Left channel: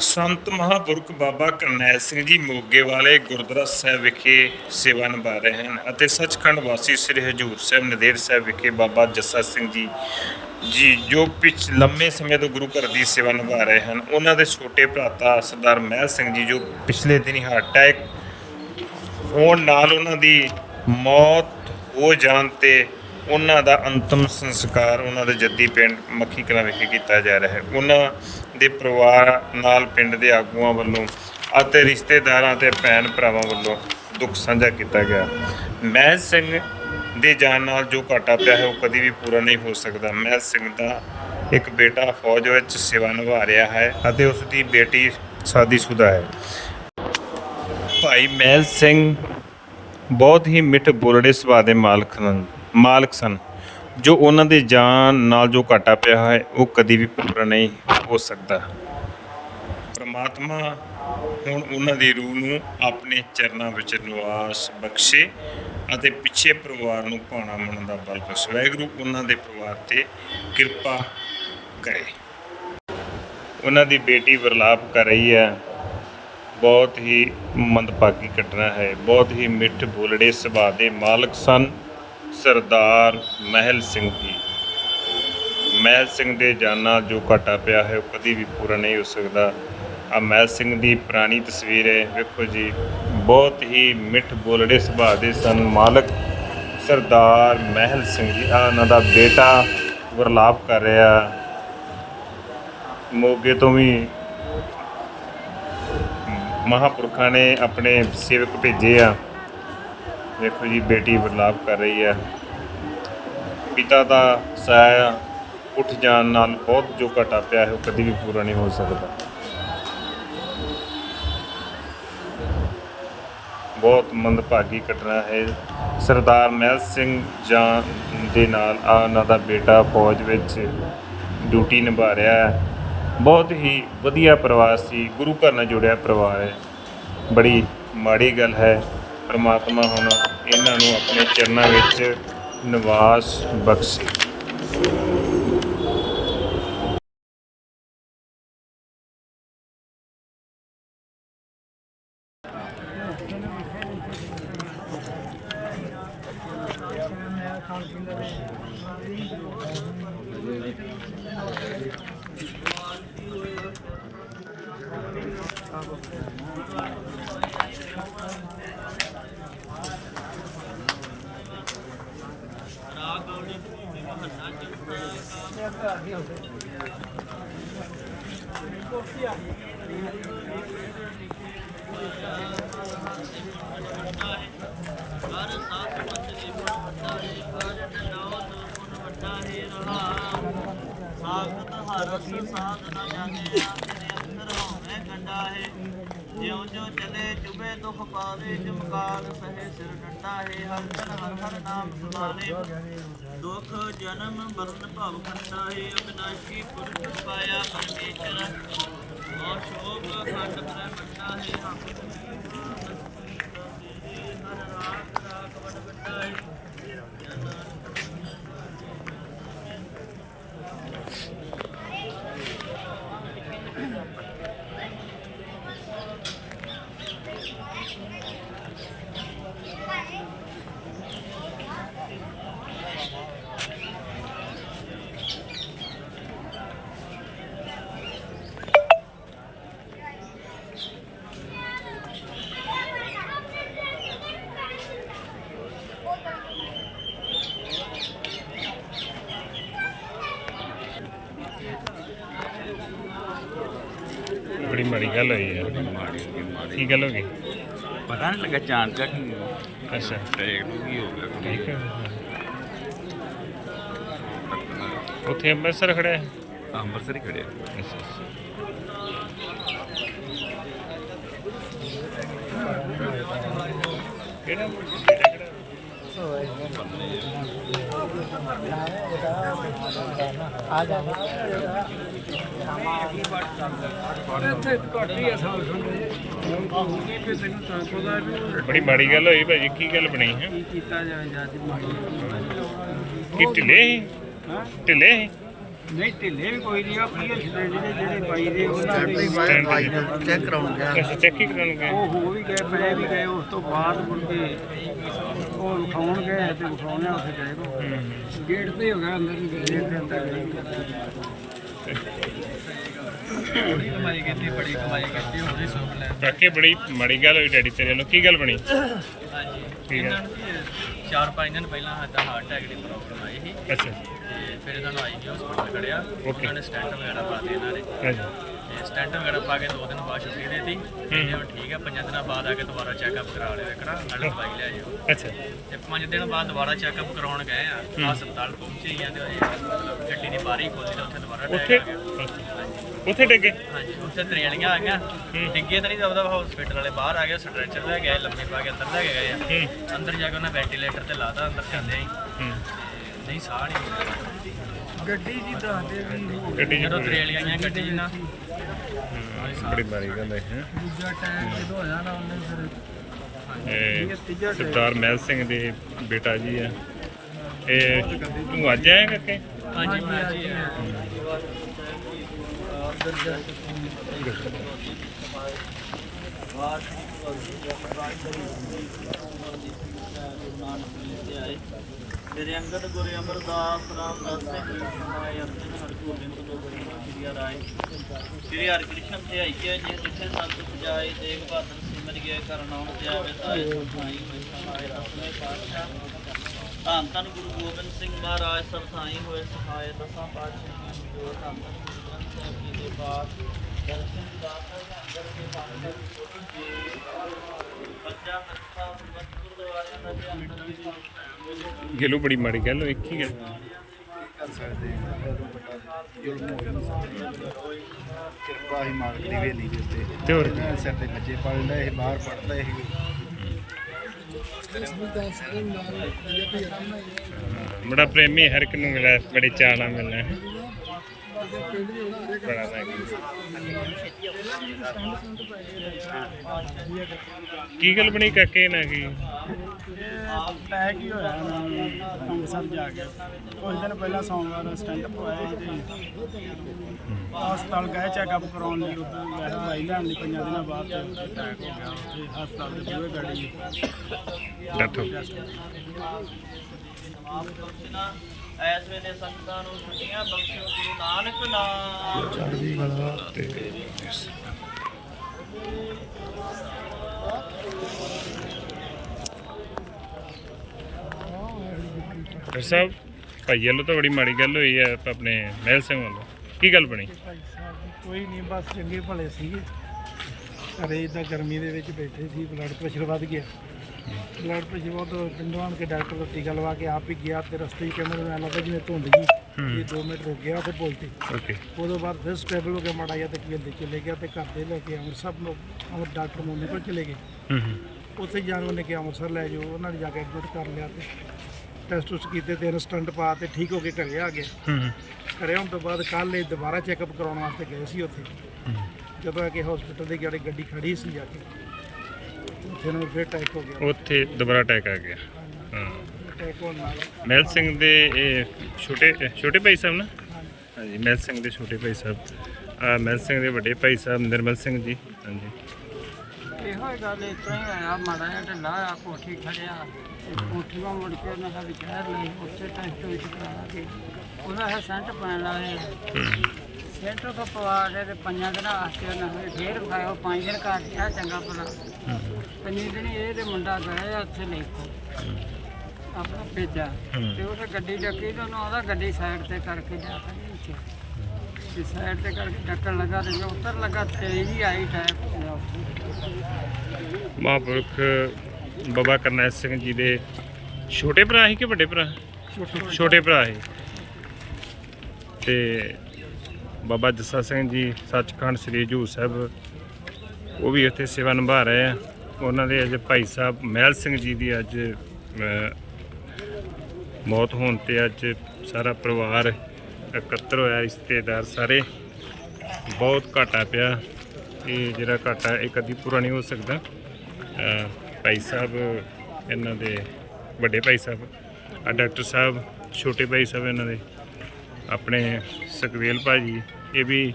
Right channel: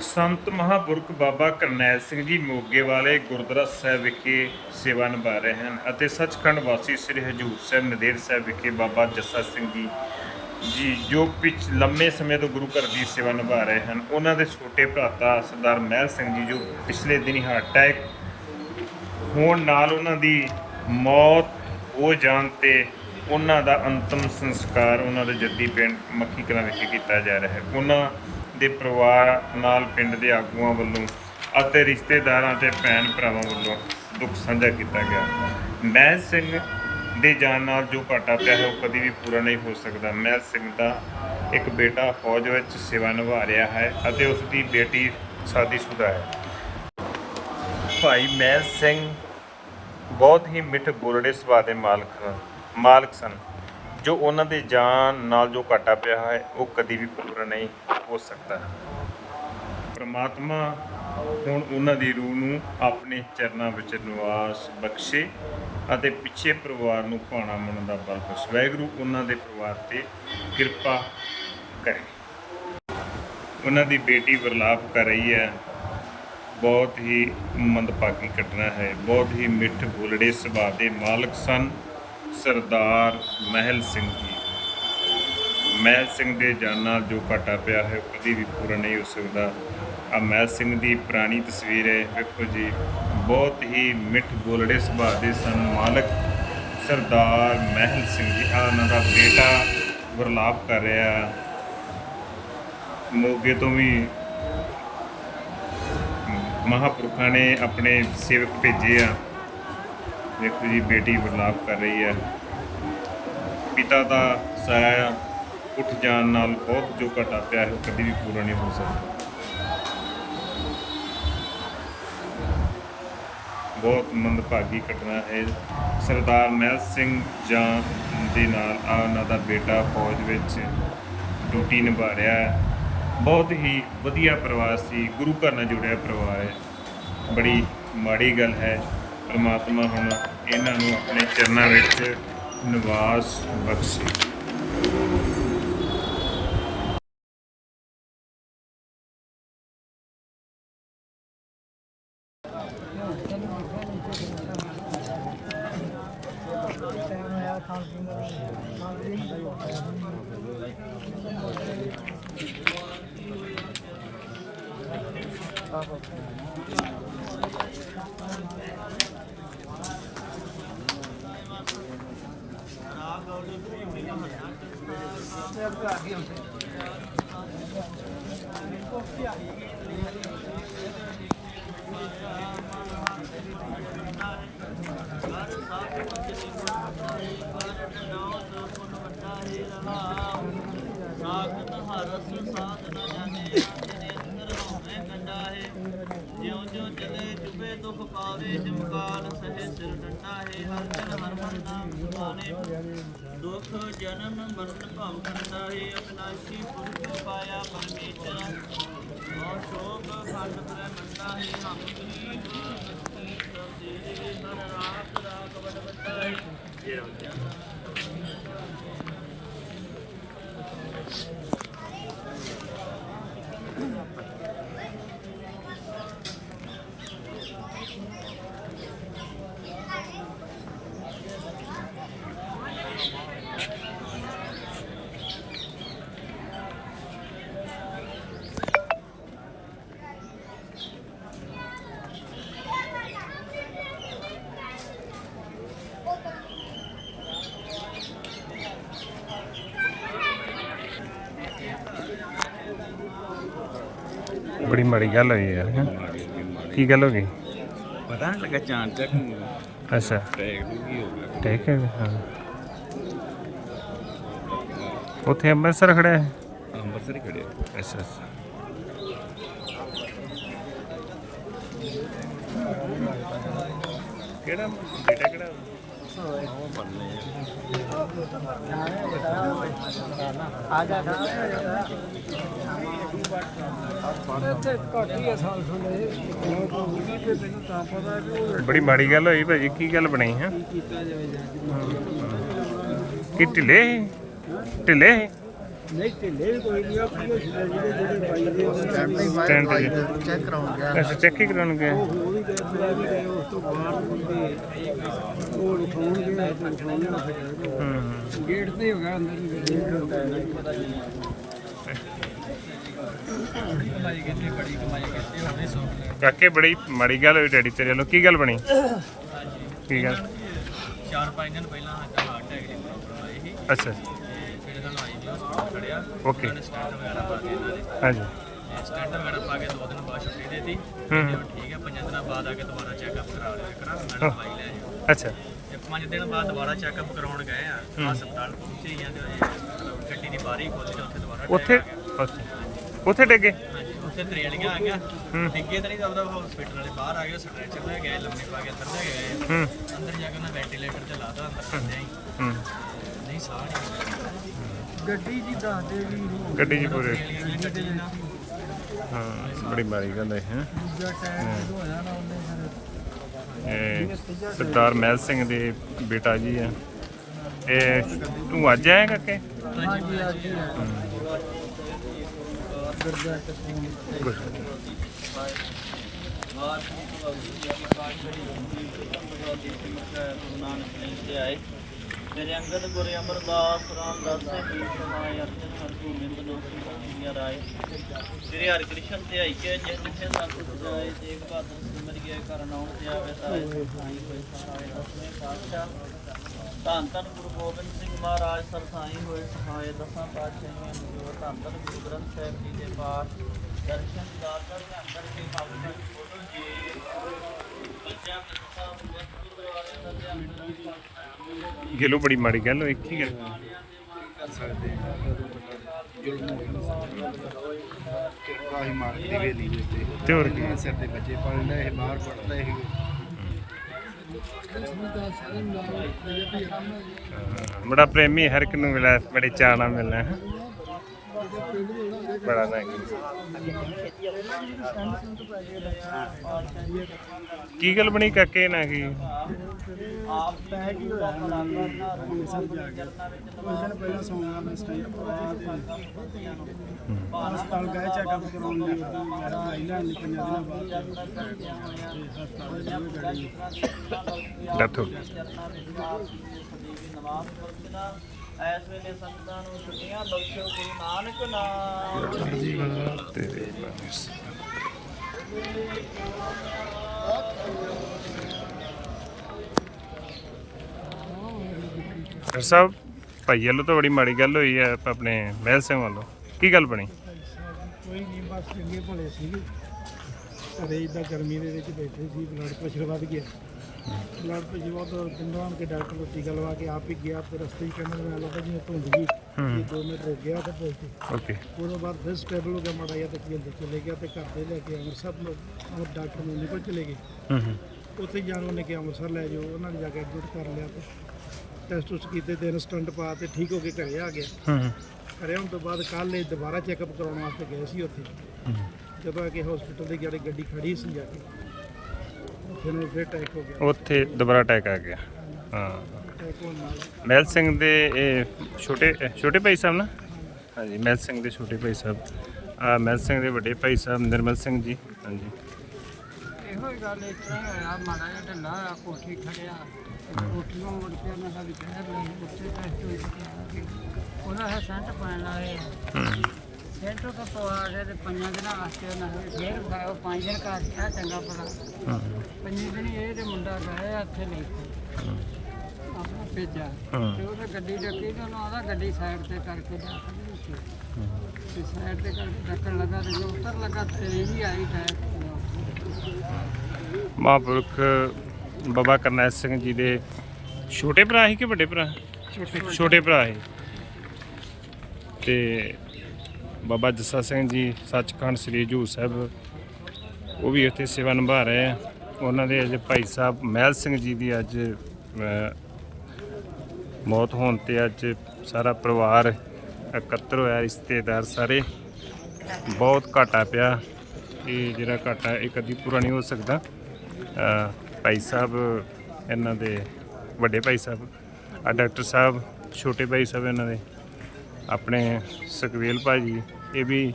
ਸੰਤ ਮਹਾਂਪੁਰਖ ਬਾਬਾ ਕਰਨੈਲ ਸਿੰਘ ਜੀ ਮੋਗੇ ਵਾਲੇ ਗੁਰਦੁਆਰਾ ਸਾਹਿਬ ਵਿਖੇ ਸੇਵਾ ਨਿਭਾ ਰਹੇ ਹਨ ਅਤੇ ਸੱਚਖੰਡ ਵਾਸੀ ਸ੍ਰੀ ਹਜੂਰ ਸਾਹਿਬ ਨਦੇੜ ਸਾਹਿਬ ਵਿਖੇ ਬਾਬਾ ਜੱਸਾ ਸਿੰਘ ਜੀ ਜੀ, ਜੋ ਪਿਛ ਲੰਮੇ ਸਮੇਂ ਤੋਂ ਗੁਰੂ ਘਰ ਦੀ ਸੇਵਾ ਨਿਭਾ ਰਹੇ ਹਨ। ਉਹਨਾਂ ਦੇ ਛੋਟੇ ਭਰਾਤਾ ਸਰਦਾਰ ਮਹਿਲ ਸਿੰਘ ਜੀ, ਜੋ ਪਿਛਲੇ ਦਿਨੀ ਹਾਰਟ ਅਟੈਕ ਹੋਣ ਨਾਲ ਉਹਨਾਂ ਦੀ ਮੌਤ ਹੋ ਜਾਣ ਤੇ ਉਹਨਾਂ ਦਾ ਅੰਤਮ ਸੰਸਕਾਰ ਉਹਨਾਂ ਦੇ ਜੱਦੀ ਪਿੰਡ ਮੱਖੀ ਕਲਾਂ ਵਿਖੇ ਕੀਤਾ ਜਾ ਰਿਹਾ ਹੈ। ਉਹਨਾਂ ਦੇ ਪਰਿਵਾਰ ਨਾਲ ਪਿੰਡ ਦੇ ਆਗੂਆਂ ਵੱਲੋਂ ਅਤੇ ਰਿਸ਼ਤੇਦਾਰਾਂ ਤੇ ਭੈਣ ਭਰਾਵਾਂ ਵੱਲੋਂ ਦੁੱਖ ਸਾਂਝਾ ਕੀਤਾ ਗਿਆ। ਮਹਿਜ ਸਿੰਘ ਦੇ ਜਾਣ ਨਾਲ ਜੋ ਘਾਟਾ ਪਿਆ ਹੈ, ਉਹ ਕਦੀ ਵੀ ਪੂਰਾ ਨਹੀਂ ਹੋ ਸਕਦਾ। ਮਹਿਲ ਸਿੰਘ ਦਾ ਇੱਕ ਬੇਟਾ ਫੌਜ ਵਿੱਚ ਸੇਵਾ ਨਿਭਾ ਰਿਹਾ ਹੈ ਅਤੇ ਉਸ ਦੀ ਬੇਟੀ ਸ਼ਾਦੀशुदा ਹੈ। ਭਾਈ ਮਹਿਜ ਸਿੰਘ ਬਹੁਤ ਹੀ ਮਿੱਠ ਬੋਲੜੇ ਸੁਭਾਅ ਦੇ ਮਾਲਕ ਹਨ। ਮਾਲਕ ਸਨ। ਜੋ ਉਹਨਾਂ ਦੇ ਜਾਨ ਨਾਲ ਜੋ ਘਾਟਾ ਪਿਆ ਹੈ, ਉਹ ਕਦੀ ਵੀ ਪੂਰਾ ਨਹੀਂ ਹੋ ਸਕਦਾ। ਪ੍ਰਮਾਤਮਾ ਹੁਣ ਉਹਨਾਂ ਦੀ ਰੂਹ ਨੂੰ ਆਪਣੇ ਚਰਨਾਂ ਵਿੱਚ ਨਿਵਾਸ ਬਖਸ਼ੇ ਅਤੇ ਪਿੱਛੇ ਪਰਿਵਾਰ ਨੂੰ ਭਾਣਾ ਮੰਨਣ ਦਾ ਬਲ ਬਖਸ਼। ਵਾਹਿਗੁਰੂ ਉਹਨਾਂ ਦੇ ਪਰਿਵਾਰ ਤੇ ਕਿਰਪਾ ਕਰੇ। ਉਹਨਾਂ ਦੀ ਬੇਟੀ ਵਰਲਾਪ ਕਰ ਰਹੀ ਹੈ। ਬਹੁਤ ਹੀ ਮੰਦਭਾਗੀ ਘਟਨਾ ਹੈ। ਬਹੁਤ ਹੀ ਮਿੱਠ ਬੋਲੜੇ ਸੁਭਾਅ ਦੇ ਮਾਲਕ ਸਨ। ਸਰਦਾਰ ਮਹਿਲ ਸਿੰਘ ਜੀ। ਮਹਿਲ ਸਿੰਘ ਦੇ ਜਾਨਾਂ ਜੋ ਘਾਟਾ ਪਿਆ ਹੈ, ਉਹ ਕਦੀ ਵੀ ਪੂਰਾ ਨਹੀਂ ਹੋ ਸਕਦਾ। ਆ ਮਹਿਲ ਸਿੰਘ ਦੀ ਪੁਰਾਣੀ ਤਸਵੀਰ ਹੈ। ਵੇਖੋ ਜੀ, ਬਹੁਤ ਹੀ ਮਿੱਠ ਬੋਲੜੇ ਸੁਭਾਅ ਦੇ ਸਨ ਮਾਲਕ ਸਰਦਾਰ ਮਹਿਲ ਸਿੰਘ ਜੀ। ਆ ਉਹਨਾਂ ਦਾ ਬੇਟਾ ਗੁਰਲਾਪ ਕਰ ਰਿਹਾ। ਮੋਗੇ ਤੋਂ ਵੀ ਮਹਾਪੁਰਖਾਂ ਨੇ ਆਪਣੇ ਸੇਵਕ ਭੇਜੇ ਆ। ਦੇਖੋ ਜੀ, ਬੇਟੀ ਵਰਲਾਪ ਕਰ ਰਹੀ ਹੈ। ਪਿਤਾ ਦਾ ਸਾਇਆ ਉੱਠ ਜਾਣ ਨਾਲ ਬਹੁਤ ਜੋ ਘਟਾ ਪਿਆ ਹੈ, ਉਹ ਕਦੀ ਵੀ ਪੂਰਾ ਨਹੀਂ ਹੋ ਸਕਦਾ। ਬਹੁਤ ਮੰਦਭਾਗੀ ਘਟਨਾ ਹੈ। ਸਰਦਾਰ ਮਹਿਲ ਸਿੰਘ ਜਾਂ ਦੇ ਨਾਲ ਆ ਉਹਨਾਂ ਦਾ ਬੇਟਾ ਫੌਜ ਵਿੱਚ ਡਿਊਟੀ ਨਿਭਾ ਰਿਹਾ ਹੈ। ਬਹੁਤ ਹੀ ਵਧੀਆ ਪਰਿਵਾਰ ਸੀ। ਗੁਰੂ ਘਰ ਨਾਲ ਜੁੜਿਆ ਪਰਿਵਾਰ ਹੈ। ਬੜੀ ਮਾੜੀ ਗੱਲ ਹੈ। ਪਰਮਾਤਮਾ ਹੁਣ ਇਹਨਾਂ ਨੂੰ ਆਪਣੇ ਚਰਨਾਂ ਵਿੱਚ ਨਿਵਾਸ ਬਖਸ਼ੇ। ਸਾਖਤ ਹਰਸ ਸਾਧ ਨ ਜਾਣਿਆ ਤੇਰੇ ਅੰਦਰ ਹੋਵੇ ਕੰਡਾ ਹੈ ਜਿਉ ਜਿਉ ਚਲੇ ਚੁਬੇ ਦੁਖ ਪਾਵੇ ਜਮਕਾਲ ਸਹੇ ਸਿਰ ਡੰਡਾ ਹੈ ਹਰ ਹਰ ਹਰ ਹਰ ਨਾਮ ਸੁਭਾਨੇ ਦੁਖ ਜਨਮ ਮਰਨ ਭਵ ਖੰਡਾ ਹੈ ਅਬਨਾਸ਼ੀ ਪੁਰਖ ਪਾਇਆ ਪਰਮੇਸ਼ਰ। ਆਪ ਸ਼ੋਭ ਖੰਡ ਬਨਾ ਮਾੜੀ ਗੱਲ ਹੋਈ ਹੈ। ਮਾੜੀ ਹੋ ਗਈ ਮਾੜੀ। ਕੀ ਗੱਲ ਹੋ ਗਈ? ਪਤਾ ਨਹੀਂ ਲੱਗਾ ਚਾਂਦ ਤੱਕ ਅੱਛਾ। ਟੈਗ ਨੂੰ ਕੀ ਹੋ ਗਿਆ? ਠੀਕ ਹੈ। ਉੱਥੇ ਅੰਮ੍ਰਿਤਸਰ ਖੜਿਆ ਹੈ ਅੰਮ੍ਰਿਤਸਰ ਹੀ ਖੜਿਆ ਅੱਛਾ ਅੱਛਾ। ਕਿਹੜਾ ਬੇਟਾ ਕਿਹੜਾ? ਬੜੀ ਮਾੜੀ ਗੱਲ ਹੋਈ ਭਾਜੀ ਕੀ ਗੱਲ ਬਣੀ ਹੈ? ਕੀਤਾ ਜਾਵੇ ਜੱਜ ਕੀ ਢਿੱਲੇ ਸੀ? ਢਿੱਲੇ ਸੀ? ਨਹੀਂ ਢਿੱਲੇ ਵੀ ਕੋਈ ਨਹੀਂ ਉਹ ਕੀ ਹੈ ਸਟੈਂਡ ਦੇ ਜਿਹੜੇ ਪਾਈ ਦੇ ਉਹਨਾਂ ਦੇ ਸਟੈਂਡ ਤੇ ਚੈੱਕ ਕਰਾਉਣ ਗਿਆ। ਅੱਛਾ ਚੈੱਕ ਹੀ ਕਰਾਉਣਗੇ ਉਹ ਹੋ ਵੀ ਗਏ ਪਏ ਵੀ ਗਏ ਉਸ ਤੋਂ ਬਾਅਦ ਮੁੜ ਕੇ ਉਹ ਵਿਖਾਉਣ ਗਏ ਤੇ ਵਿਖਾਉਣਿਆ ਉੱਥੇ ਗਏ ਕੋ ਹੂੰ ਗੇਟ ਤੇ ਹੀ ਹੋ ਗਿਆ ਅੰਦਰ ਨੂੰ ਗਏ। ਤੇ ਅੰਦਰ ਗਏ ਬੜੀ ਕਮਾਈ ਕੀਤੀ ਬੜੀ ਕਮਾਈ ਕੀਤੀ ਉਹਨੇ ਸੁਣ ਲੈ ਕਾਕੇ ਬੜੀ ਮਾੜੀ ਗੱਲ ਹੋਈ ਡੈਡੀ ਤੇਰੇ ਵੱਲੋਂ। ਕੀ ਗੱਲ ਬਣੀ? ਹਾਂਜੀ। ਠੀਕ ਹੈ। ਚਾਰ ਪੰਜ ਦਿਨ ਪਹਿਲਾਂ ਸਾਡਾ ਹਾਰਟ ਅਟੈਕ ਦੀ ਪ੍ਰੋਬਲਮ ਆਈ ਸੀ। ਅੱਛਾ। ਫਿਰ ਇਹਨਾਂ ਨੂੰ ਆਈਜੀ ਹਸਪੀਟਲ ਖੜਿਆ. ਉਹਨਾਂ ਨੇ ਸਟੈਂਟ ਵਗੈਰਾ ਪਾ ਦਿੱਤੇ ਇਹਨਾਂ ਨੇ ਹਾਂਜੀ। ਤੇ ਸਟੈਂਟ ਵਗੈਰਾ ਪਾ ਕੇ ਦੋ ਦਿਨ ਬਾਅਦ ਛੁੱਟੀ ਦੇ ਦਿੱਤੀ। ਜੇ ਹੁਣ ਠੀਕ ਹੈ ਪੰਜਾਂ ਦਿਨਾਂ ਬਾਅਦ ਆ ਕੇ ਦੁਬਾਰਾ ਚੈੱਕਅਪ ਕਰਾ ਲਿਓ ਕਰਾ ਨਾਲ ਦਵਾਈ ਲੈ ਜਾਓ। ਅੱਛਾ। ਤੇ ਪੰਜ ਦਿਨ ਬਾਅਦ ਦੁਬਾਰਾ ਚੈੱਕਅਪ ਕਰਾਉਣ ਗਏ ਆ ਹਸਪਤਾਲ ਪਹੁੰਚੇ ਹੀ ਆ ਤੇ ਉਹ ਮਤਲਬ ਗੱਡੀ ਦੀ ਬਾਰੀ ਖੋਲੀ ਤੇ ਉੱਥੇ ਦੁਬਾਰਾ ਉੱਥੇ? ਆ ਗਿਆ। ਅੱਛਾ। ਉੱਥੇ ਡਿੱਗੇ? ਹਾਂਜੀ ਉੱਥੇ ਤਰੇਲੀਆਂ ਆ ਗਈਆਂ। ਡਿੱਗੇ ਤਾਂ ਨਹੀਂ ਦਬਦਾ ਹਸਪੀਟਲ ਵਾਲੇ ਬਾਹਰ ਆ ਗਏ ਸਟ੍ਰੈਚਰ ਲੈ ਗਏ ਲੰਮੇ ਪਾ ਕੇ ਅੰਦਰ ਲੈ ਕੇ ਗਏ ਆ। ਅੰਦਰ ਜਾ ਕੇ ਉਹਨਾਂ ਵੈਂਟੀਲੇਟਰ ਤੇ ਲਾਤਾ ਅੰਦਰ ਜਾਂਦੇ ਹੀ। ਹੂੰ। ਤੇ ਨਹੀਂ ਸਾਹ ਨਹੀਂ ਗੱਡੀ ਜੀ ਦੱਸਦੇ ਵੀ ਗੱਡੀ ਚ ਜਦੋਂ ਪੂਰੇ। ਤਰੇਲੀਆਂ ਆਈਆਂ ਗੱਡੀ 'ਚ ਨਾ। ਹਾਂ ਬੜੀ ਮਾੜੀ ਗੱਲ ਹੈ। ਹੈਂ। ਦੂਜਾ ਟਾਇਰ ਜਦੋਂ ਹੋਇਆ ਨਾ ਉਹਨੇ ਫਿਰ ਇਹ ਸਰਦਾਰ ਮਹਿਲ ਸਿੰਘ ਦੇ ਬੇਟਾ ਜੀ ਆ। ਇਹ ਤੂੰ ਅੱਜ ਆਇਆ ਕਾਕੇ? ਹਾਂਜੀ ਮੈਂ ਜੀ ਵਾਹਿਗੁਰੂ ਜੀ। ਕੀ ਪਾਤਸ਼ਾਹੀ ਜੀ ਸਤਿਗੁਰੂ ਜੀ ਸਿਮਰਤਾ ਗੁਰੂ ਨਾਨਕ ਦੇਵ ਤੇ ਆਏ। ਤੇਰੇ ਅੰਗਦ ਗੁਰੇ ਅਮਰਦਾਸ ਰਾਮਦਾਸ ਜੀ ਸਮਾਏ ਅੰਤਿਮ ਹਰਜੂ ਮਿੰਦ ਲੋ ਰਾਏ ਸ੍ਰੀ ਹਰਿਕ੍ਰਿਸ਼ਨ ਤੇ ਆਈਏ ਜੇ ਜਿਥੇ ਸੰਤ ਸਜਾਏ ਦੇਖ ਬਹਾਦਰ ਸਿਮਰਿਏ ਕਰਨ ਆਉਣ ਤੇ ਆਵੇ, ਤਾਏ ਸਹਾਈ ਹੋਏ, ਸਹਾਏ ਦਸਵੇਂ ਪਾਤਸ਼ਾਹ। ਧੰਨ ਧੰਨ ਗੁਰੂ ਗੋਬਿੰਦ ਸਿੰਘ ਮਹਾਰਾਜ, ਸਭ ਸਾਈ ਹੋਏ ਸਹਾਇ ਦਸਾਂ ਪਾਤਸ਼ਾਹਾਂ, ਜੋ ਧੰਨ ਧੰਨ ਗੁਰੂ ਗ੍ਰੰਥ ਸਾਹਿਬ ਜੀ ਦੇ ਪਾਸ ਦਰਸ਼ਨ ਦਾਤਾ ਦੇ ਅੰਦਰ ਦੇ ਪਾਤਸ਼ਾਹ ਦੀ ਫੋਟੋ ਜੀ ਬੱਚਾ ਬੱਚਾ ਗੁਰਦੁਆਰਿਆਂ ਦੇ ਅੰਦਰ ਦੀ ਗਿਲੋ ਬੜੀ ਮਾੜੀ ਗੱਲ ਹੋਈ ਕੀ ਗੱਲ? ਕਰ ਸਕਦੇ ਹਾਂ ਉਦੋਂ ਵੱਡਾ ਜ਼ੁਲਮ ਹੋ ਗਿਆ ਕਿਰਪਾ ਹੀ ਮਾਲਕ ਦੀ ਵੇਲੀ ਦੇ ਉੱਤੇ ਤੇ ਹੋਰ ਕੀ? ਇਹ ਸਿਰ ਤੇ ਬੱਚੇ ਪੜ ਇਹ ਬਾਹਰ ਪੜਦੇ ਇਹ ਹਾਂ, ਬੜਾ ਪ੍ਰੇਮੀ ਹਰ ਇੱਕ ਨੂੰ ਮਿਲਿਆ ਬੜੇ ਚਾਅ ਨਾਲ ਮਿਲਣਾ ਹੈ? ਬੜਾ ਥੈਂਕ ਕੀ ਗੱਲ ਬਣੀ ਕਾਕੇ ਨਾ ਕੀ? ਟੈਗ ਹੀ ਹੋਇਆ ਨਾ ਅੰਮ੍ਰਿਤਸਰ ਜਾ ਕੇ? ਕੁਝ ਦਿਨ ਪਹਿਲਾਂ ਸੋਮਵਾਰ ਦਾ ਸਟੈਂਡ ਪਵਾਇਆ ਸੀ ਤੇ ਹਸਪਤਾਲ ਗਏ ਚੈੱਕਅਪ ਕਰਾਉਣ ਲਈ ਉਦੋਂ ਵੈਸੇ ਦਵਾਈ ਲੈਣ ਲਈ ਪੰਜਾਂ ਦਿਨਾਂ ਬਾਅਦ ਅਟੈਕ ਹੋ ਗਿਆ। ਉੱਥੇ ਹਸਪਤਾਲ ਦੇ ਬੂਹੇ ਗੜੀ ਨਮਾਜ਼ ਬਖਸ਼ਣਾ ਐਸ ਵੇਲੇ ਸੰਗਤਾਂ ਨੂੰ ਛੁੱਟੀਆਂ ਬਖਸ਼ੋ ਗੁਰੂ ਨਾਨਕ ਨਾਮ ਤੇਰੇ ਬਾਦੇਸ ਸਰ ਸਾਹਿਬ ਭਾਈ ਵੱਲੋਂ ਤਾਂ ਬੜੀ ਮਾੜੀ ਗੱਲ ਹੋਈ ਹੈ ਆਪਣੇ ਮਹਿਲ ਸਿੰਘ ਵੱਲੋਂ। ਕੀ ਗੱਲ ਬਣੀ? ਭਾਈ ਸਾਹਿਬ ਜੀ ਕੋਈ ਨਹੀਂ ਬਸ ਚੰਗੇ ਭਲੇ ਸੀਗੇ। ਘਰੇ ਇਦਾਂ ਗਰਮੀ ਦੇ ਵਿੱਚ ਬੈਠੇ ਸੀ ਬਲੱਡ ਪ੍ਰੈਸ਼ਰ ਵੱਧ ਗਿਆ। ਬਲੱਡ ਪ੍ਰੈਸ਼ਰ ਵੱਧ ਪਿੰਡੋਂ ਆਣ ਕੇ ਡਾਕਟਰ ਤੋਂ ਟੀਕਾ ਲਵਾ ਕੇ ਆਪ ਹੀ ਗਿਆ ਤੇ ਰਸਤੇ 'ਚ ਕਹਿੰਦਾ ਮੈਨੂੰ ਲੱਗਦਾ ਜਿਵੇਂ ਧੁੰਦ ਗਈ ਇਹ 2 ਮਿੰਟ ਰੁਕ ਗਿਆ ਉੱਥੇ ਪੁਲ ਤੇ। ਓਕੇ। ਉਦੋਂ ਬਾਅਦ ਫਿਰ ਸਟੇਬਲ ਹੋ ਗਿਆ ਮਾੜਾ ਜਿਹਾ ਤੇ ਕਹਿੰਦੇ ਚਲੇ ਗਿਆ ਤੇ ਘਰ ਦੇ ਲੈ ਕੇ ਅੰਮ੍ਰਿਤਸਰ ਨੂੰ ਅਮਰ ਡਾਕਟਰ ਨੂੰ ਕੋਲ ਚਲੇ ਗਏ। ਹੂੰ ਹੂੰ। ਉੱਥੇ ਜਾਣ ਉਹਨੇ ਕਿ ਅੰਮ੍ਰਿਤਸਰ ਲੈ ਜਾਓ ਉਹਨਾਂ ਨੇ ਜਾ ਕੇ ਐਡਮਿਟ ਕਰ ਲਿਆ ਤੇ ਟੈਸਟ ਟੁਸਟ ਕੀਤੇ ਤਿੰਨ ਸਟੰਟ ਪਾ ਤੇ ਠੀਕ ਹੋ ਕੇ ਘਰੇ ਆ ਗਿਆ। ਹੂੰ ਘਰੇ ਆਉਣ ਤੋਂ ਬਾਅਦ ਕੱਲ ਇਹ ਦੁਬਾਰਾ ਚੈੱਕਅਪ ਕਰਾਉਣ ਵਾਸਤੇ ਗਏ ਸੀ ਉੱਥੇ। ਜਦੋਂ ਆ ਕੇ ਹਸਪੀਟਲ ਦੀ ਜਿਹੜੀ ਗੱਡੀ ਖੜੀ ਸੀ ਜਾ ਕੇ ਉੱਥੇ ਨੂੰ ਫਿਰ ਅਟੈਕ ਹੋ ਗਿਆ। ਉੱਥੇ ਦੁਬਾਰਾ ਅਟੈਕ ਆ ਗਿਆ। ਹਾਂ। ਅਟੈਕ ਹੋਣ ਨਾਲ। ਮਹਿਲ ਸਿੰਘ ਦੇ ਇਹ ਛੋਟੇ ਛੋਟੇ ਭਾਈ ਸਾਹਿਬ ਨਾ? ਹਾਂਜੀ। ਹਾਂਜੀ ਮਹਿਲ ਸਿੰਘ ਦੇ ਛੋਟੇ ਭਾਈ ਸਾਹਿਬ। ਆ ਮਹਿਲ ਸਿੰਘ ਦੇ ਵੱਡੇ ਭਾਈ ਸਾਹਿਬ ਨਿਰਮਲ ਸਿੰਘ ਜੀ। ਹਾਂਜੀ। ਇਹੋ ਹੀ ਗੱਲ ਇਸ ਤਰ੍ਹਾਂ ਹੀ ਹੋਇਆ ਮਾੜਾ ਜਿਹਾ ਢਿੱਲਾ ਆ ਕੋਠੀ ਖੜਿਆ ਤੇ ਕੋਠੀ ਨੂੰ ਮੁੜ ਕੇ ਉਹਨਾਂ ਦਾ ਵਿਚਾਰ ਲਈ ਉੱਥੇ ਟੈਸਟ ਵਿੱਚ ਕਰਾਇਆ ਕਿ ਉਹਨਾਂ ਦਾ ਸੈਂਟ ਪੈਣ ਹੂੰ ਸੈਂਟਰ ਤੋਂ ਪਵਾ ਕੇ ਤੇ ਪੰਜਾਂ ਦਿਨਾਂ ਵਾਸਤੇ ਉਹਨਾਂ ਨੇ ਫੇਰ ਵਿਖਾਇਆ ਪੰਜ ਦਿਨ ਘਰ ਗਿਆ ਚੰਗਾ ਭਲਾ। ਪੰਜੀ ਦਿਨ ਇਹ ਤੇ ਮੁੰਡਾ ਗਏ ਆ ਉੱਥੇ ਲੈ ਕੇ ਆਪਣਾ ਭੇਜਾ ਹੂੰ। ਤੇ ਉਹਨੇ ਗੱਡੀ ਡੱਕੀ ਤੇ ਉਹਨੂੰ ਆਦਾ ਗੱਡੀ ਸਾਈਡ ਤੇ ਕਰਕੇ ਜਾ ਕਰੀ ਇੱਥੇ ਤੇ ਸਾਈਡ ਤੇ ਕਰਕੇ ਡੱਕਣ ਲੱਗਾ ਤੇ ਜੋ ਉੱਤਰ ਲੱਗਾ ਤੇ ਇਹ ਹੀ ਆਈ ਟਾਇਪ ਹੋ ਗਿਆ ਉੱਥੇ। ਮਹਾਂਪੁਰਖ ਬਾਬਾ ਕਰਨੈਲ ਸਿੰਘ ਜੀ ਦੇ ਛੋਟੇ ਭਰਾ ਸੀ ਕਿ ਵੱਡੇ ਭਰਾ? ਛੋਟੇ ਛੋਟੇ ਭਰਾ ਸੀ। ਤੇ ਬਾਬਾ ਜੱਸਾ ਸਿੰਘ ਜੀ ਸੱਚਖੰਡ ਸ੍ਰੀ ਹਜੂਰ ਸਾਹਿਬ ਉਹ ਵੀ ਇੱਥੇ ਸੇਵਾ ਨਿਭਾ ਰਹੇ ਆ। ਉਹਨਾਂ ਦੇ ਅੱਜ ਭਾਈ ਸਾਹਿਬ ਮਹਿਲ ਸਿੰਘ ਜੀ ਦੀ ਅੱਜ ਮੌਤ ਹੋਣ ਤੇ ਅੱਜ ਸਾਰਾ ਪਰਿਵਾਰ ਇਕੱਤਰ ਹੋਇਆ, ਰਿਸ਼ਤੇਦਾਰ ਸਾਰੇ। ਬਹੁਤ ਘਾਟਾ ਪਿਆ। ਇਹ ਜਿਹੜਾ ਘਾਟਾ, ਇਹ ਕਦੀ ਪੂਰਾ ਨਹੀਂ ਹੋ ਸਕਦਾ। ਭਾਈ ਸਾਹਿਬ, ਇਹਨਾਂ ਦੇ ਵੱਡੇ ਭਾਈ ਸਾਹਿਬ ਆ ਡਾਕਟਰ ਸਾਹਿਬ, ਛੋਟੇ ਭਾਈ ਸਾਹਿਬ ਇਹਨਾਂ ਦੇ, ਆਪਣੇ ਸੁਖਵੇਲ ਭਾਜੀ, ਇਹ ਵੀ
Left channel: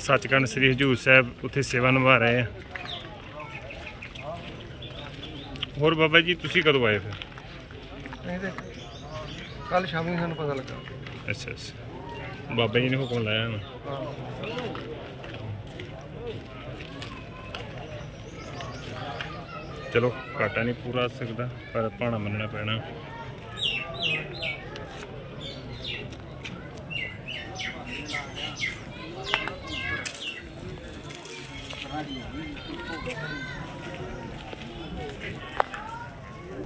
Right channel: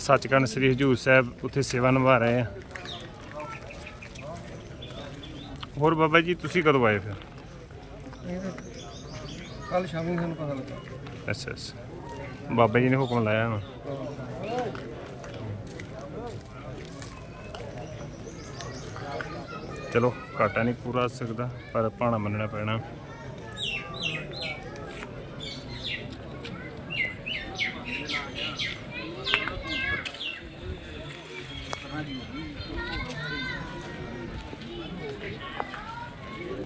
ਸੱਚਖੰਡ ਸ੍ਰੀ ਹਜੂਰ ਸਾਹਿਬ ਉੱਥੇ ਸੇਵਾ ਨਿਭਾ ਰਹੇ ਆ। ਹੋਰ ਬਾਬਾ ਜੀ, ਤੁਸੀਂ ਕਦੋਂ ਆਏ ਫਿਰ? ਨਹੀਂ ਕੱਲ ਸ਼ਾਮੀ ਸਾਨੂੰ ਪਤਾ ਲੱਗਾ। ਅੱਛਾ ਅੱਛਾ। ਬਾਬਾ ਜੀ ਨੇ ਹੁਕਮ ਲਾਇਆ ਨਾ। ਚਲੋ, ਘਾਟਾ ਨਹੀਂ ਪੂਰਾ ਸਕਦਾ, ਪਰ ਭਾਣਾ ਮੰਨਣਾ ਪੈਣਾ।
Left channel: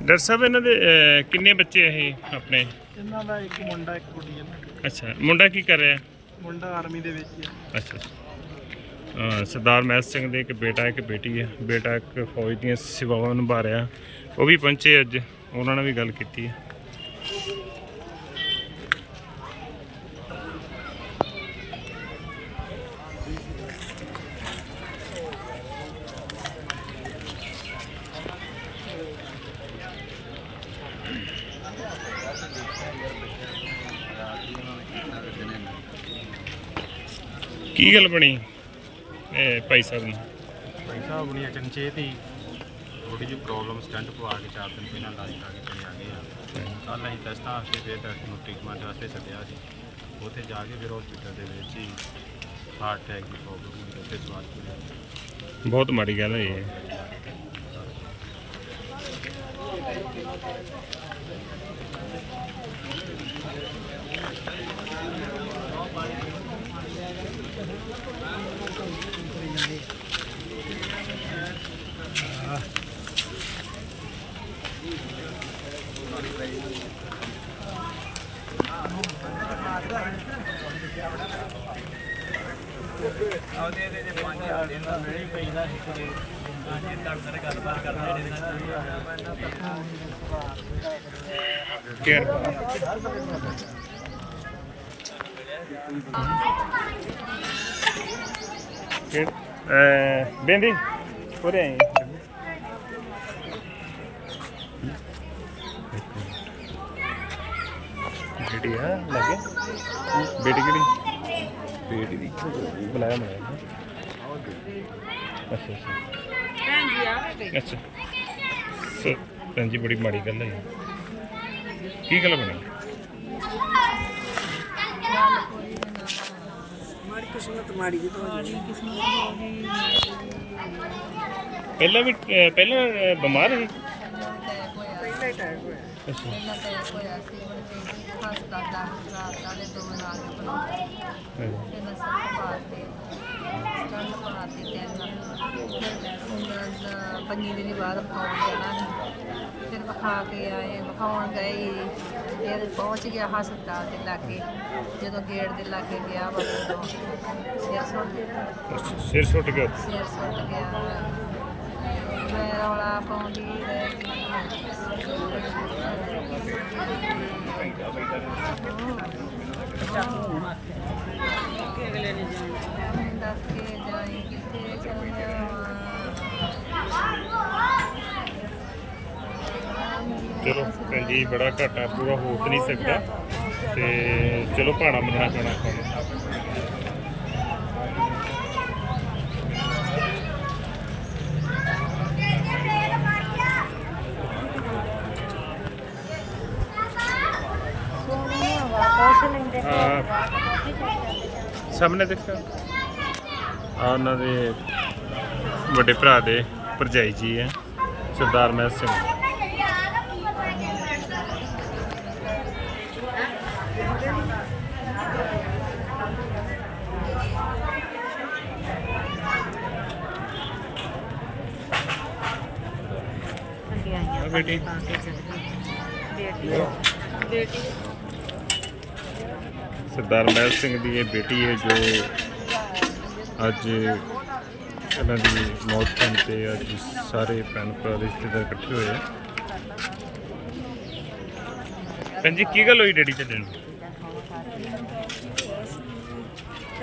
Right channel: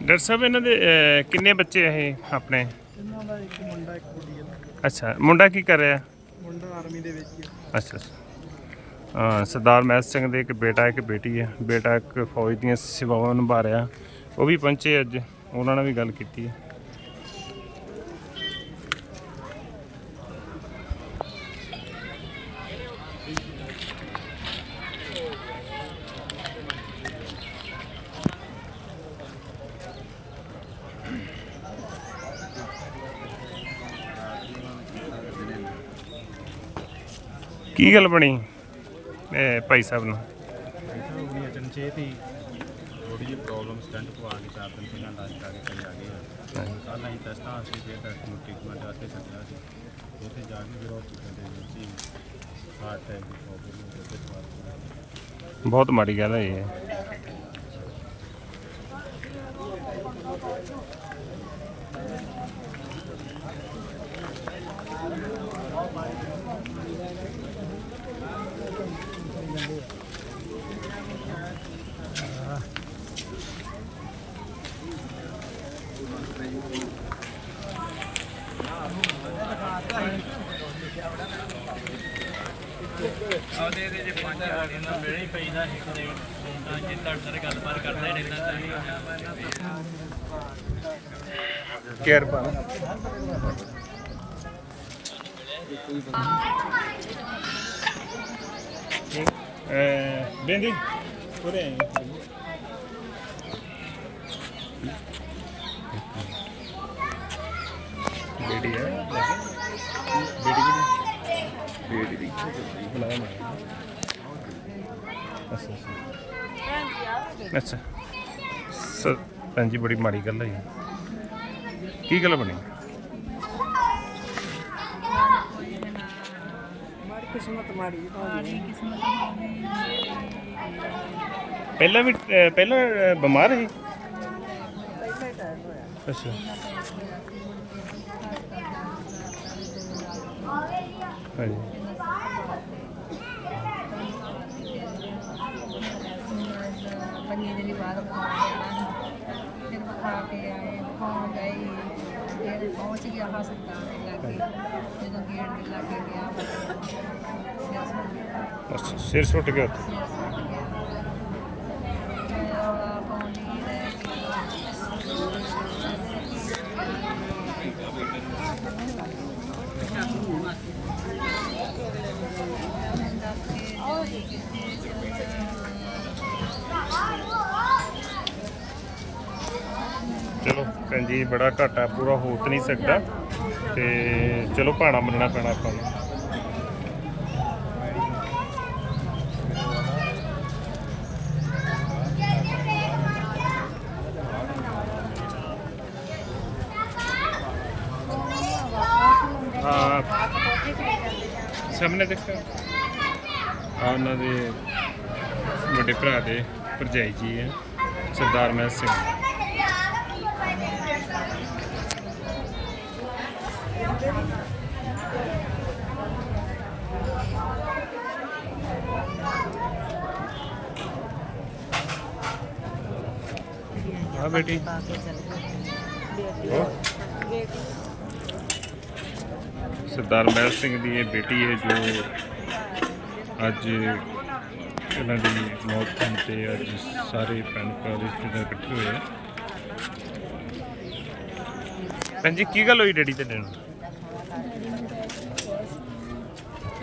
ਡਾਕਟਰ ਸਾਹਿਬ, ਇਹਨਾਂ ਦੇ ਕਿੰਨੇ ਬੱਚੇ ਆ ਇਹ ਆਪਣੇ? ਇਹਨਾਂ ਦਾ ਇੱਕ ਮੁੰਡਾ ਇੱਕ ਕੁੜੀ ਹੈ ਅੱਛਾ ਮੁੰਡਾ ਕੀ ਕਰ ਰਿਹਾ? ਮੁੰਡਾ ਆਰਮੀ ਦੇ ਵਿੱਚ ਹੀ ਹੈ ਅੱਛਾ ਅੱਛਾ। ਹਾਂ ਸਰਦਾਰ ਮਹਿਤ ਸਿੰਘ ਦੇ ਇੱਕ ਬੇਟਾ ਇੱਕ ਬੇਟੀ ਹੈ ਬੇਟਾ ਇੱਕ ਫੌਜ ਦੀਆਂ ਸੇਵਾਵਾਂ ਨਿਭਾ ਰਿਹਾ। ਉਹ ਵੀ ਪਹੁੰਚੇ ਅੱਜ। ਉਹਨਾਂ ਨਾਲ ਵੀ ਗੱਲ ਕੀਤੀ ਹੈ ਕੀ ਗੱਲ ਬਣੀ? ਇਹ ਭਾਈ ਸਾਹਿਬ ਨੂੰ। ਭਾਈ ਸਾਹਿਬ ਹੁਣੀ ਅਚਨਚੇਤ ਹੀ ਥੋੜੀ ਜਿਹੀ ਪ੍ਰੋਬਲਮ ਸਟੰਟ ਪਵਾ ਕੇ ਚਾਰ ਦਿਨ ਪਹਿਲਾਂ ਇਲਾਜ ਕਰਾ ਕੇ ਚਲੇ ਆ ਗਏ ਆ। ਕੱਲ ਅਸੀਂ ਟੈਸਟਾਂ ਵਾਸਤੇ ਫਿਰ ਡਾਕਟਰ ਨੂੰ ਟ੍ਰੀਟਮੈਂਟ ਵਾਸਤੇ ਸੱਦਿਆ ਸੀ। ਉੱਥੇ ਜਾ ਕੇ ਫਿਰ ਹਸਪੀਟਲ ਦੇ ਵਿੱਚ ਹੀ ਹਾਰਟ ਅਟੈਕ ਦੀ ਪ੍ਰੋਬਲਮ ਹੋਈ ਤੇ ਸਵਾਲ ਬਹੁਤ ਮਾੜੀ ਗੱਲ ਹੈ ਇਹ। ਉਹਦੇ ਇਹਦੇ ਜੇ ਪੰਜ ਸਾਡੇ ਨਾਲ ਮਿਲੇ ਹੀ ਪਈਦਾ ਸੀ ਤੇ ਤਾਂ ਜੇ ਤੁਹਾਡੇ ਨਾਲ ਗੱਲਬਾਤ ਕਰਦਾ ਹੀ ਰਹਿੰਦਾ ਤਾਂ ਨਹੀਂ ਕੇਅਰ ਕਿ ਅ ਬੇਂਦੀ ਉਰੇ ਆਈ। ਬੇਟੀ ਹੈ ਲੱਗੇ। ਬੇਟੀ ਕਿਹੜੀ? ਬੇਟੀ ਦੀ। ਬੁਲਾਇਆ ਮੈਂ ਅੱਛਾ ਅੱਛਾ। ਅੱਛਾ। ਸਰ ਭੈਣ ਜੀ ਬੜੀ ਮਾੜੀ ਗੱਲ ਹੈ। ਕੀ ਗੱਲ ਬਣੀ? ਗੱਲ ਕੋਈ ਨਾ। ਕਿਸਮਤ ਮਾੜੀ ਮਾੜੀ ਕਿਸਮਤ ਹੋ ਗਈ। ਮੇਰੀ ਪਹਿਲਾਂ ਵੀ ਅਹ ਪਹਿਲਾਂ ਅਹ ਬਿਮਾਰ ਸੀ? ਅਟੈਕ ਹੋਇਆ। ਅੱਛਾ। ਇਹਨਾਂ ਅਟੈਕ ਹੋਇਆ ਸੀ ਮੁੜ ਕੇ ਹਸਪਤਾਲ ਡਾਕਟਰ ਰਾਤਾਂ ਦੇ ਦੋ ਨਾਲ ਬਣਾਉਂਦੇ ਹਾਂਜੀ। ਤੇ ਮੈਂ ਸੱਤ ਪਾ ਕੇ ਸਟੰਡ ਪਾ ਕੇ ਤਿੰਨ ਉਹਨਾਂ ਪੰਜੀ ਦਿਨੀ ਬਾਅਦ ਵਿਖਾਉਣ ਜਾਣਾ ਸੀ। ਫਿਰ ਵਿਖਾ ਕੇ ਆਏ ਵਿਖਾਉਣ ਗਏ। ਫਿਰ ਪਹੁੰਚ ਗਿਆ ਹਸਪਤਾਲ ਦੇ ਲਾਗੇ। ਜਦੋਂ ਗੇਟ ਦੇ ਲਾਗੇ ਗਿਆ ਬਟਨ ਤੋਂ ਸਿਰ ਸੁੱਟ ਗਿਆ ਅੱਛਾ ਸਿਰ ਸੁੱਟ ਗਿਆ ਉੱਥੇ? ਸਿਰ ਸੁੱਟ ਗਿਆ। ਮੈਂ ਰੌਲਾ ਪਾਉਂਦੀ ਰਹਿ। ਗਈ ਦੱਸ ਕੇ ਜਾਈ ਕਿੱਥੇ ਚੱਲਿਆ ਚਲੋ ਭੈਣ ਜੀ ਬੜਾ ਘਾਟਾ ਪੂਰਾ ਹੋ ਤਾਂ ਨਹੀਂ ਸਕਦਾ। ਤੇ ਚਲੋ ਭਾਣਾ ਮੰਨਣਾ ਪੈਣਾ ਆਪਾਂ ਨੂੰ। ਹਾਂ। ਸਾਹਮਣੇ ਦੇਖੋ। ਆ ਉਹਨਾਂ ਦੇ ਵੱਡੇ ਭਰਾ ਦੇ ਭਰਜਾਈ ਜੀ ਹੈ, ਸਰਦਾਰ ਮਹਿਤ ਸਿੰਘ। ਆ ਬੇਟੀ। ਉਹ ਸਰਦਾਰ ਮਹਿਲ ਸਿੰਘ ਦੀ ਇਹ ਬੇਟੀ ਹੈ ਜੋ ਅੱਜ ਇਹਨਾਂ ਦੀ ਮੌਤ ਹੋਣ ਤੇ ਅੱਜ ਸਾਰੇ ਭੈਣ ਭਰਾ ਰਿਸ਼ਤੇਦਾਰ ਇਕੱਠੇ ਹੋਏ ਆ। ਭੈਣ ਜੀ, ਕੀ ਗੱਲ ਹੋਈ ਡੈਡੀ ਤੇ ਨੂੰ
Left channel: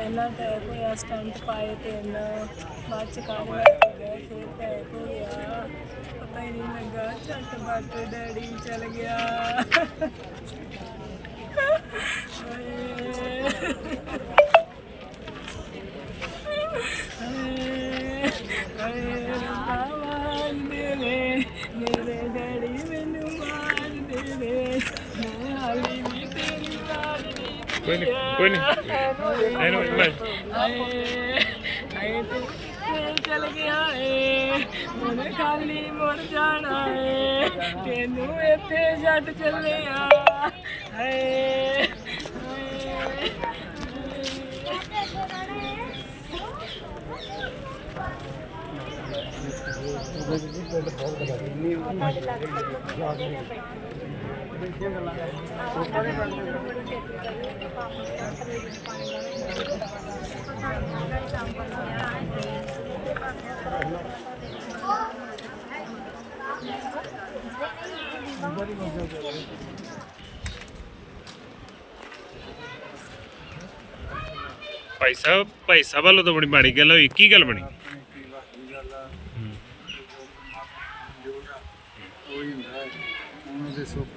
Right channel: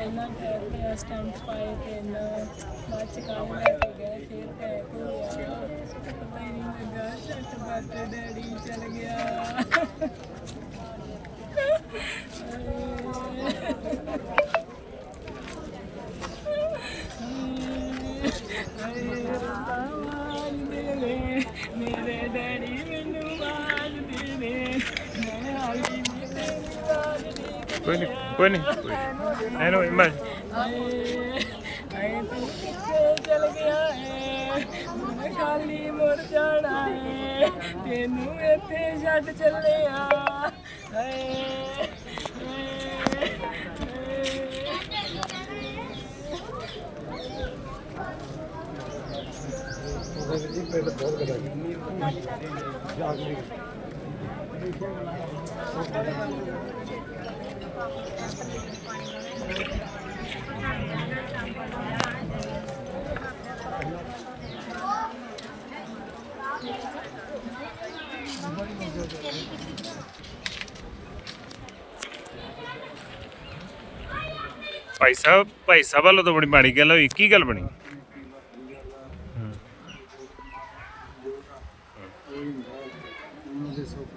ਪਹਿਲਾਂ ਟੈਕ ਹੋਇਆ ਸਟੈਂਪ ਪਾਏ ਤੇ ਤਿੰਨ ਬਾਅਦ ਚ ਕਾਰ ਲੈ ਗਏ, ਫਿਰ ਟੈਕ ਹੋ ਗਿਆ ਪਤਾ ਹੀ ਨਹੀਂ ਲੱਗਾ ਛੱਟ ਬੱਟ ਡੈਡੀ ਚਲ ਗਿਆ। ਕੋਈ ਨਹੀਂ ਕੋਈ ਨਹੀਂ ਕੋਈ ਨਹੀਂ ਇਹਨੂੰ ਮੈਂ ਹਾਏ ਤੂੰ ਕਿੱਥੇ ਚਲ ਗਿਆ ਏ ਹੁਣ ਖਾਲੀ ਮੁੜ ਜਾਣਾ ਏ ਤੈਨੂੰ ਇੱਥੇ ਛੱਡ ਚੱਲਿਆ ਹਾਏ ਹਾਏ, ਭਾਈ ਸਾਹਿਬ ਭਾਈ ਸਾਹਿਬ ਵੱਲੋਂ ਤਾਂ ਬੜੀ ਮਾੜੀ ਗੱਲ ਹੋਈ ਕੀ ਗੱਲ ਬਣੀ ਕੋਈ ਹੁੰਦਾ ਹੈ ਉਹਨਾਂ ਦੇ ਸੁੱਖ ਲੈਣ ਦਾ ਟਾਈਮ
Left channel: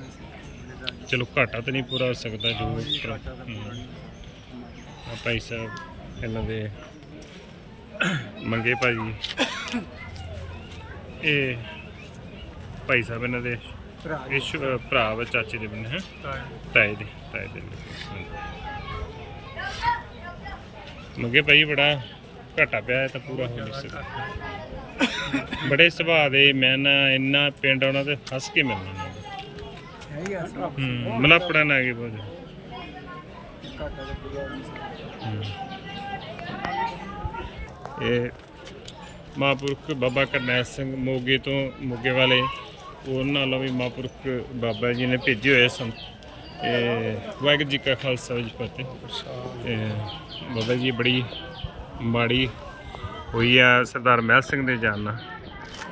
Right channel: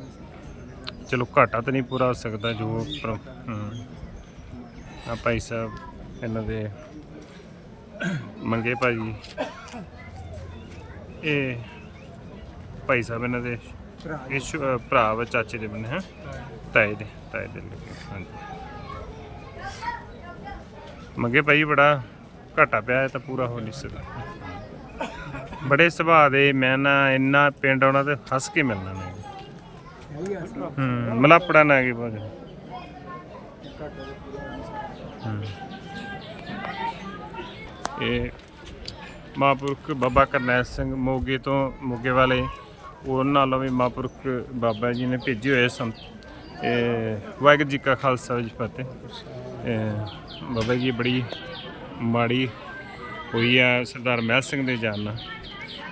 ਚਲੋ ਘਾਟਾ ਤਾਂ ਨਹੀਂ ਪੂਰਾ ਹੋ ਸਕਦਾ ਜੋ ਪਰ- ਘਾਟਾ ਆ ਭਾਈ ਸਾਹਿਬ, ਇਹਨਾਂ ਦੇ ਮੰਗੇ ਭਾਜੀ। ਇਹ ਭਾਈ ਸਾਹਿਬ ਇਹਨਾਂ ਦੇ ਭਰਾ ਇਹ ਭਰਾ ਵਾ, ਚਾਚੇ ਦੇ ਬੰਨੇ, ਹੈ? ਤਾਏ ਦੇ ਤਾਏ ਦੇ ਲੱਗੇ, ਹਾਂਜੀ। ਮੰਗੇ ਭਾਈ, ਬੜਾ ਘਾਟਾ ਪਿਆ ਤਾਂ ਪੂਰਾ ਹੋ ਨਹੀਂ ਸਕਦਾ। ਬੜੇ ਸੁਭਾਅ ਦੇ ਮੈਂ ਨਾ ਇੰਨਾ ਪਿੰਡ ਆਉਣਾ ਤੇ ਹੱਸ ਕੇ ਮਿਲਣਾ ਹੂੰ, ਮਲਾਪੜਾ ਨਾ ਗਈ ਬਹੁਤ ਘਾਟਾ ਇਹ ਮਹਾਂਪੁਰਖ ਬਾਬਾ ਕਰਨੈਲ ਸਿੰਘ ਮੋਗੇ ਤੋਂ ਮੋਗੇ ਵਾਲੇ, ਉਹਨਾਂ ਨਾਲੋਂ ਵੀ ਮਹਾਂਪੁਰਖ ਬਾਬਾ ਜੀ ਨੇ ਭੇਜੇ ਹੋਏ ਸਨ ਇਹ ਵਾਹਿਗੁਰੂ ਜੀ ਕਾ ਖਾਲਸਾ ਜੀ ਫਤਿਹ। ਇਹ ਬਾਬਾ ਜੀ ਬੜੀ ਮਾੜੀ ਹੋਈ ਆ ਸਰਦਾਰ ਮਹਿਲ ਸਿੰਘ ਦੇ ਜਾਨ ਨਾਲ।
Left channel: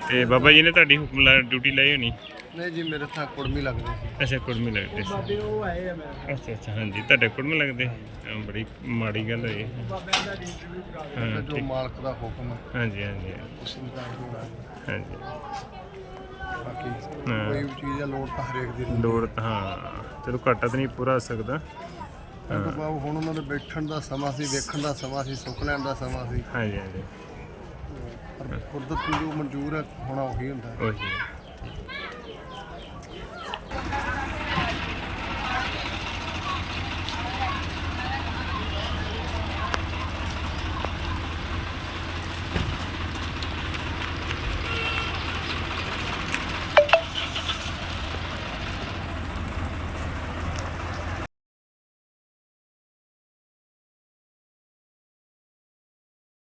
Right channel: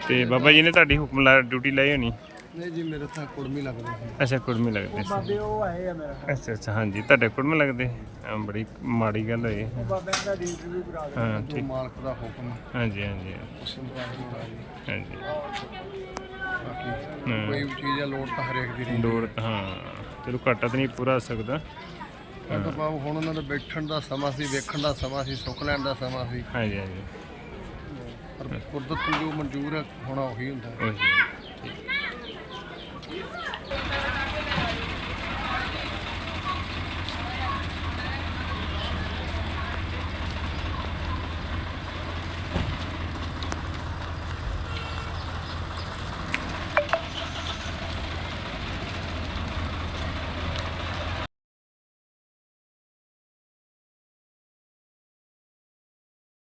ਤੇ ਬਾਬਾ ਜੀ ਨੇ ਤੁਹਾਡੀ ਹੁਕਮ ਲਾ, ਡਿਊਟੀ ਲਾਈ ਹੋਣੀ? ਨਹੀਂ ਜੀ ਮੇਰੇ ਤਾਂ ਕੁੜਮੀ ਲੱਗਦੇ ਸੀ। ਅੱਛਾ ਕੁੜਮੀ ਲੱਗਦੇ ਸੀ। ਉਹ ਆਏ ਆ ਮੇਰਾ। ਅੱਛਾ ਅੱਛਾ ਹਾਂਜੀ ਤੁਹਾਡੇ ਕੁੜਮੀ ਲੱਗਦੇ? ਹਾਂ, ਬੜੀ ਮਾੜੀ ਗੱਲ ਹੋਈ। ਬਾਬਿਆਂ ਦਾ ਡਿਊਟੀ ਵੀ ਕਰਾ ਹਾਂ ਜੋ ਠੀਕ। ਮਾਲਕ ਦਾ ਹੁਕਮ ਹੈ। ਹਾਂਜੀ ਹਾਂਜੀ ਉਸ ਮੁਤਾਬਕ ਹੋਣਾ ਜੀ। ਹਾਂਜੀ। ਬਾਕੀ ਹਾਂ। ਕੋਈ ਵੀ ਚੀਜ਼ ਆ ਲੋੜ ਤਾਂ ਹਰੇਕ ਦੀ ਰਹਿੰਦੀ ਲੋੜ ਤਾਂ ਹਾਂ ਚਲੋ ਘਾਟਾ ਤਾਂ ਨਹੀਂ ਪੂਰਾ ਹੋ ਸਕਦਾ। ਹੈ ਤਾਂ ਬਾਬੂ ਹੁਣ ਉਹਨਾਂ ਦੇ ਬੈਠਣ ਦਾ ਸਮਾਂ ਸੀ ਵੇਖਣ ਦਾ ਸਮਾਂ ਸੀ ਸੁੱਖ ਲੈਣ ਦਾ ਸਮਾਂ ਸੀ। ਹਾਂਜੀ ਹਾਂਜੀ। ਪਰ ਕੁਦਰਤ ਨੂੰ ਜੋ ਮਨਜ਼ੂਰ ਹੈ ਹੋਣਾ ਉਹੀ ਹੁੰਦਾ ਹੈ। ਉਹੀ ਹੈ। Thank you.